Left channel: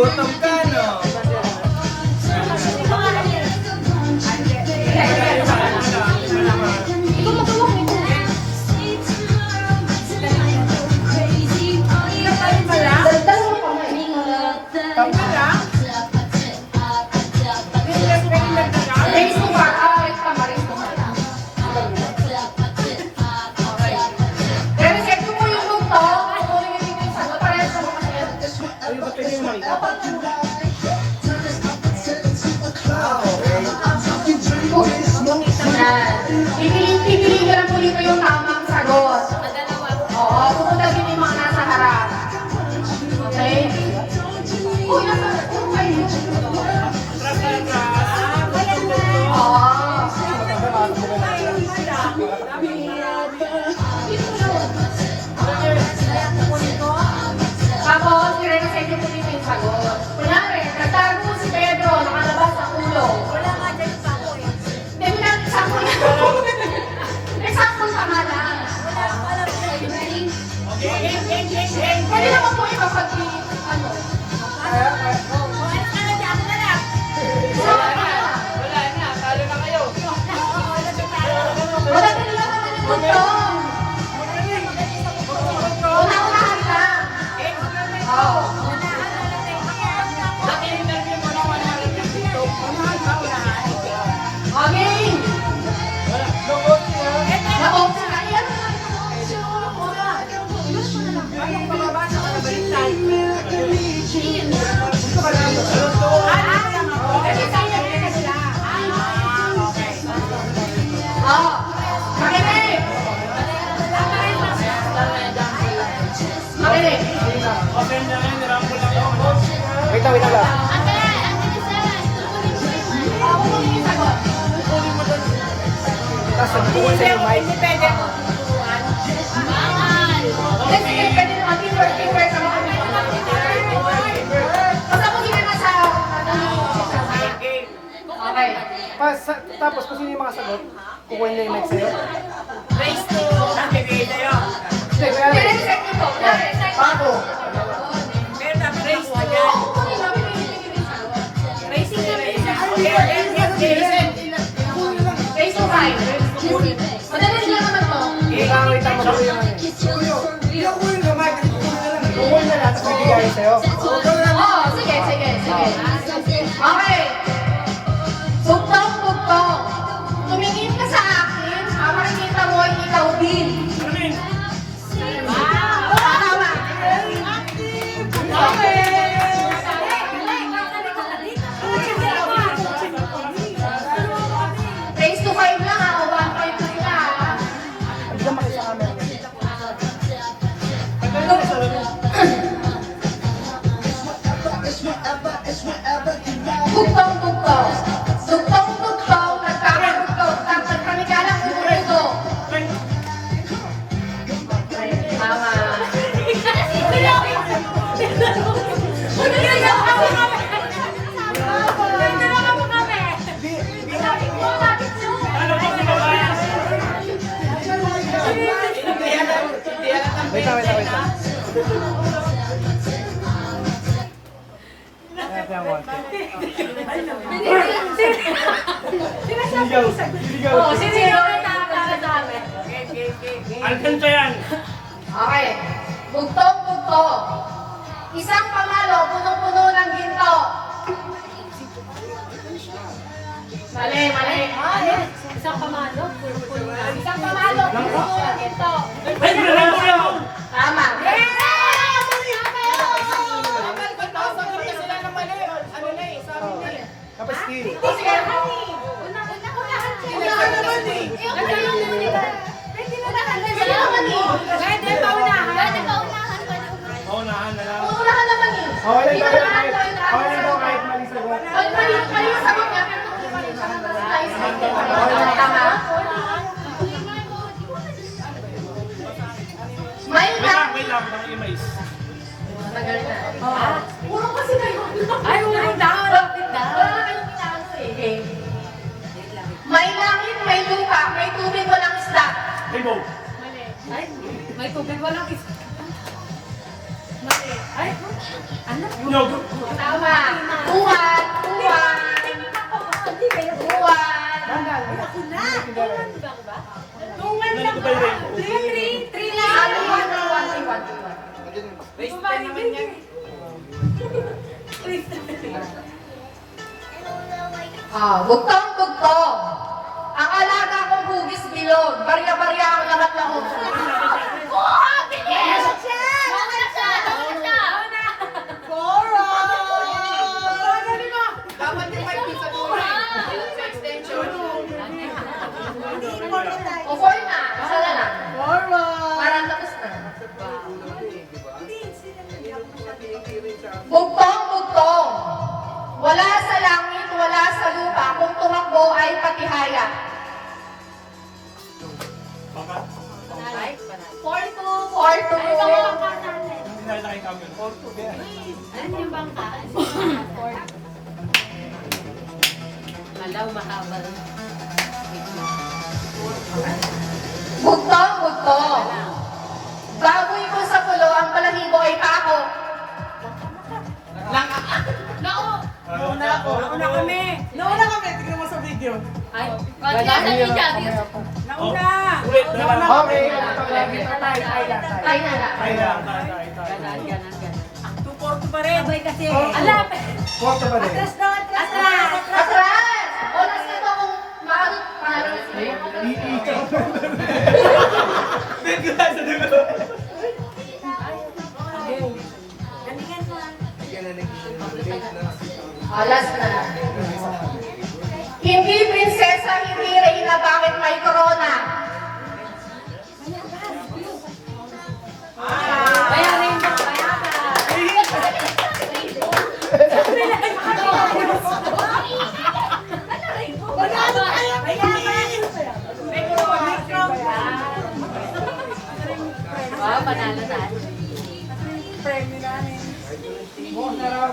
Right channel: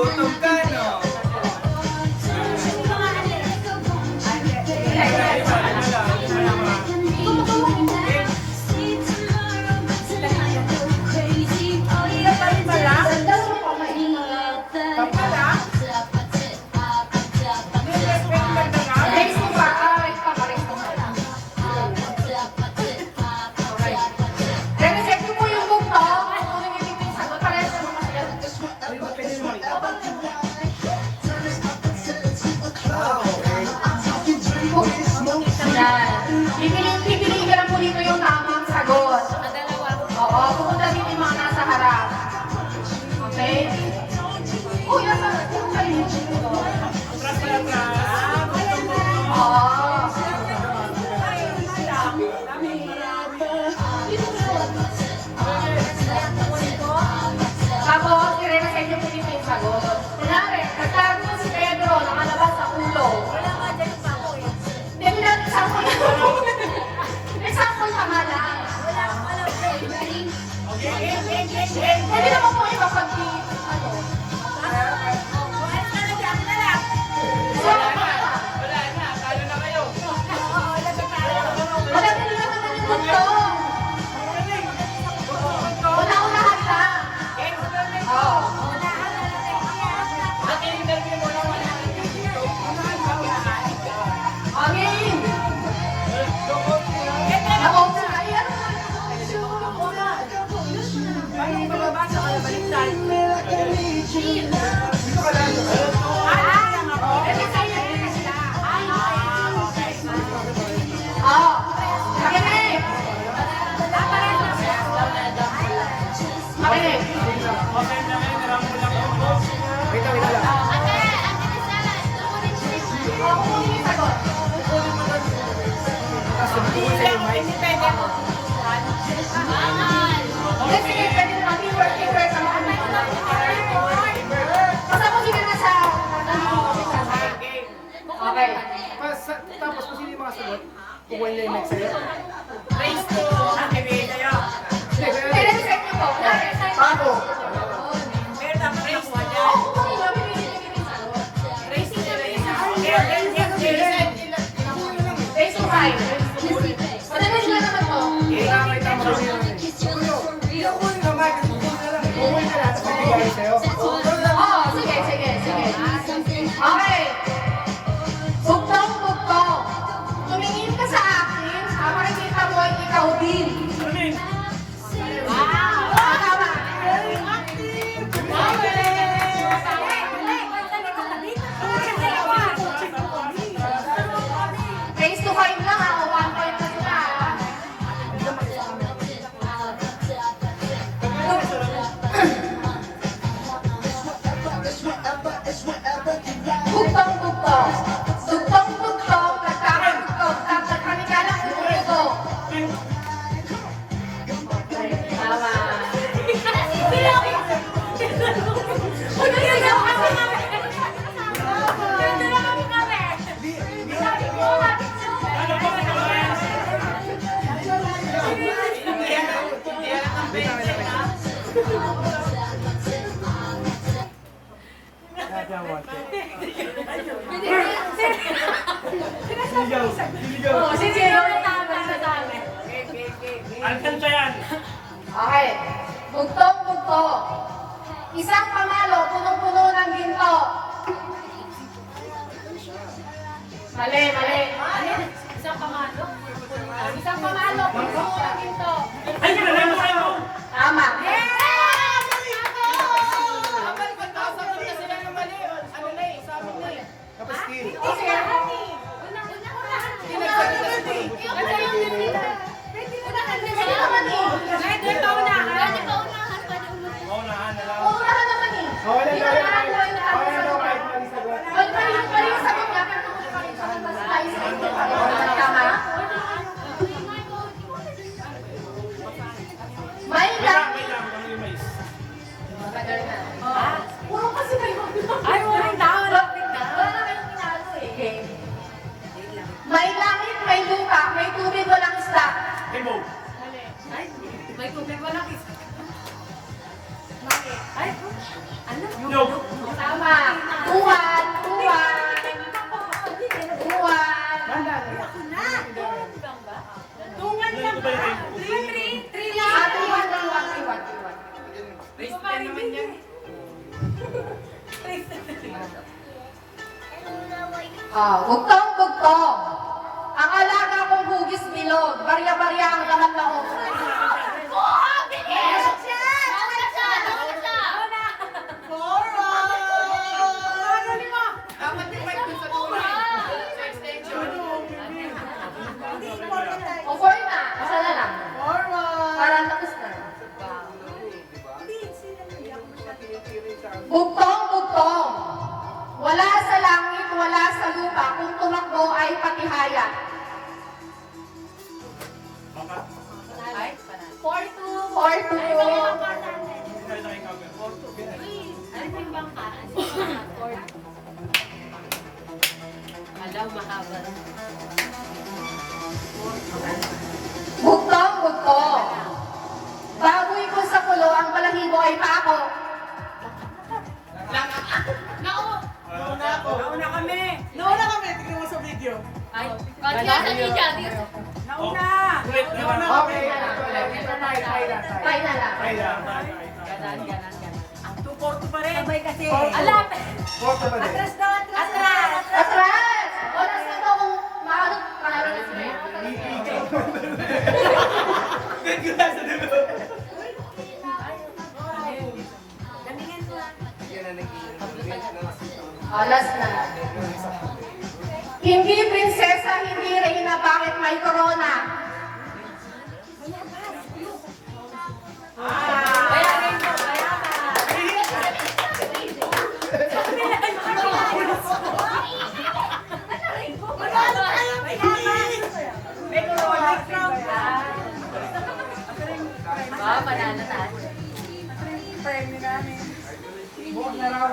Nagugutom ka, no? Pipiliin ka lang po dito yung tamang sagot. Oo, pupunta dito yung mga nasa harap. Okay? Uy, nasa harap po kayo. Oo. Tapos, i-resign niyo po dito yung sagot. Kunyari, nagtalag po si Pedro, nakalabas sa ulo. Wala nga dyan pa ako eh. Hindi mo na example. Example naman lang. Wala lang. Hindi naman po ipapagdi, ano. Alis ka na dyan, ako na lang. Wala na, talo na kayo. Maganda nila naman yung punto. Una-unahan lang. Naki-interview mo na wala na dito. Okay. Nako, kaya. Anong bababasa ka na baliktad? Oh, makinig. Makinig. Open na ngayon, nirambo lang ako. Wait lang lang. Oh, kukunin yung sagot. Tapos nagtutuwa sa yung mic. Independent mo tuturuan. Bangal! Let's sige, pwede naman teamwork, teamwork. Sama kami. Basta kung sino nasa, okay. Tapos kung sino yung mga sagot, kukunin na yung mic sa'yo. Race to. Nakibigay tayo. Hindi, kaya rin. Reset niyo po. Paano? Pero dapat nakuha dyan. Racing na rin. Face to right. Madali sila naman po. Kailangan kita mag-uwi ng ano. Hindi ako kunin na mic. Kukunin na lang. Tapos bibigay sa'yo. Oh, sige, sige, sige. Okay. Bugtong-bugtong. Tumingin ka sa akin, habang kita mo ay ikaw din. Tama. Okay. Face to five lang ako, 1 point na sila. Bugtong-bugtong. Bugtong-bugtong. Nagkakabugtong. Nagkakamigalang bugtong. Tama. Wait lang. Kaya konti. Sinigaw. Oh, sige. Alcanza yan. Okay. Bugtong-bugtong. Isang pamalo, punong-puno ng ginto. Mali, mali. Ano? Isang pamalo? Isang pamalo, punong-puno ng ginto. Ay, wala na kayo. Tama. Tapos Steve. Sige. Maunahan na lang. Uunahan naman eh. Okay lang daw kahit mali sagot. Mali yung sagot niya, pero tuloy pa rin siya. Tama. May Wait lang, tama yung mais. Tagal na. Puro kasi kayo. Ay, urong daw. Lapit daw. Wala na kayong pinalo eh. May langit, may lupa, may tubig, walang isda. Rainbow. Ay, may tubig walang isa. Mali. Ay, Tama. Uwan. Bandal. Tungan lang ba? Three lang. Waste time naman yan. Bugtong-bugtong. Ang alaga kong hugis bilog. Barya-barya ang anak na ko. Kuha! Bilis! Nauna siya! Dapat yung mic dun sa dulo. Sa extension. Kukuha na. Isa na lang. Parang tapos na. Bugtong-bugtong. Wala sa langit, wala sa lupa. Kung tumakbo ay patihaya. Porto. Ano yung bangka? Alaw, makabal. Bugtong-bugtong. Baboy ko sa kulo, ang balahibo ay pako. Nauna kami. Nauna kami, tignan mo sa video. Ay, wala sa media. Nauna. Nauna kami. Tayo na. Ganan. 2-4 pa rin. Sabay kasi. Alam. Porto pa rin. Atras. Atras! Oras na to kung maano panalo na sila. Galingan mo. Alas na. Hindi prinsesa, hindi reyna, bakit may corona? Bayarin mo. Bayaran. May corona. Panalo tayo. Bukas na raw.